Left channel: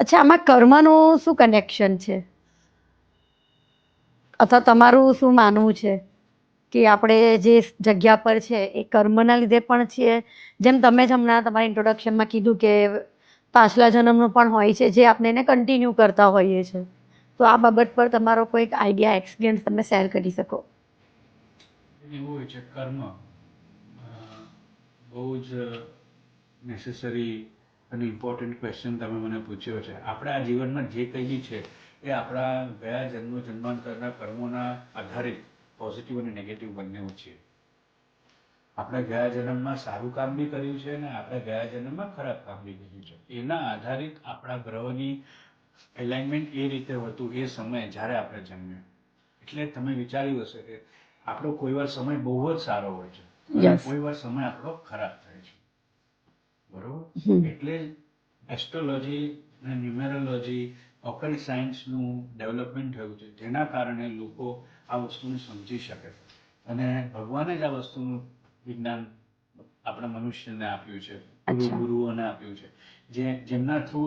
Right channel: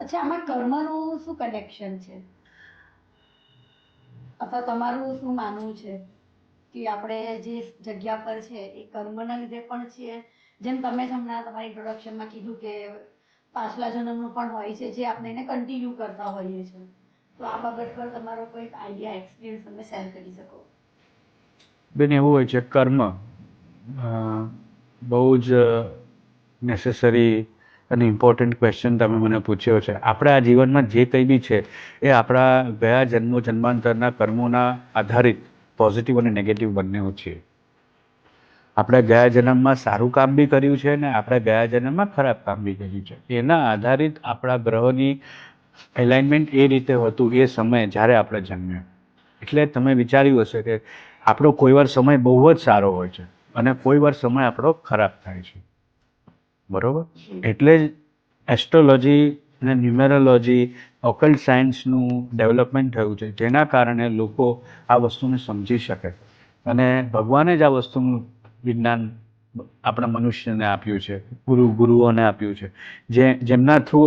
અચ્છા, આમાં કર્મનું શું કનેક્શન છે, અથવા તમારું શું માનવું છે કે આપણે જે જગ્યા પર છે એ કર્મના લીધે પણ છીએ, જેમ તમે જ હમણાં તમારા ઇન્ટ્રોડક્શનમાં કીધું કે પાછલા જન્મનું પણ હોય છે જે આપણે એને કન્ટિન્યુ કરતા હોઈએ છીએ, તો આ બાબત પર તમારો કોઈક આઈડિયા એક્સપિરિયન્સ તમે શેર કરી શકો? બેન, એવું હોય છે કર્મ બહુ જ નેસેસરી અને ઇમ્પોર્ટન્ટ ક્વેશ્ચન તમે મને પૂછ્યો છે. આપણે આ જીવનમાં જે કંઈ બી છે એ આપણા ગયા જન્માંતરના કર્મોના આધારિત પોઝિટિવ અને નેગેટિવ બંને છીએ. આપણે ગયા જન્મમાં સારું કામ બી કર્યું છે ને આપણે ગયા જન્મમાં ખરાબ કામ બી કર્યું છે. એના આધારિત આપણા ગ્રહોની એલાઇનમેન્ટ એ રીતે હતું એ સમયે જ્યારે આપણે જન્મ્યા. એટલે તમે વિચાર્યું હશે કે આપણો કોઈ વાર સમય બહુ જ સારો હોય છે અને યસ. કોઈ વાર સમય આપણો ખરાબ થાય છે. બરોબર? એટલે જ એસ્ટ્રોલોજી અને ન્યુમેરોલોજી, ઓકલ્ટ સાયન્સનું ડેવલપમેન્ટ થયું છે, જેના કારણે લોકો આ વસ્તુને સમજી શકે. અને ભગવાને જ આ વસ્તુનું વિજ્ઞાન આપણા મનુષ્યને આપ્યું છે, ગુરુઓને આપ્યું છે, જેમના થ્રુ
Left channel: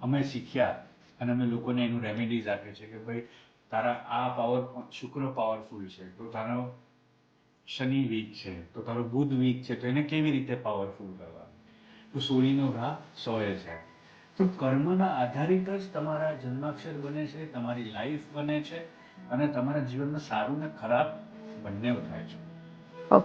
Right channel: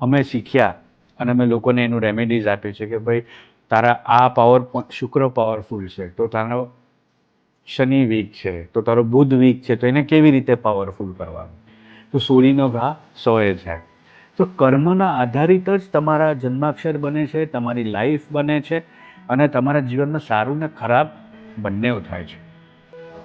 અમે શીખ્યા અને અમે લોકોને એનું રેમેડીઝ આપી છે કે ભાઈ તારા આ શુક્ર પાવરફુલ છે તો તારો શનિ વીક છે, તો તારો બુધ વીક છે, તો એને કેવી રીતે પાવરફુલ કરવાનું? તો સોળીનો ઘા સોએ જાય. તો કર્મના આધારિત જ તમારા જન્માક્ષર બને છે, તમારી લાઈફ બને છે અને તમારા જીવનમાં સારું ને ખરાબ બંને થાય છે.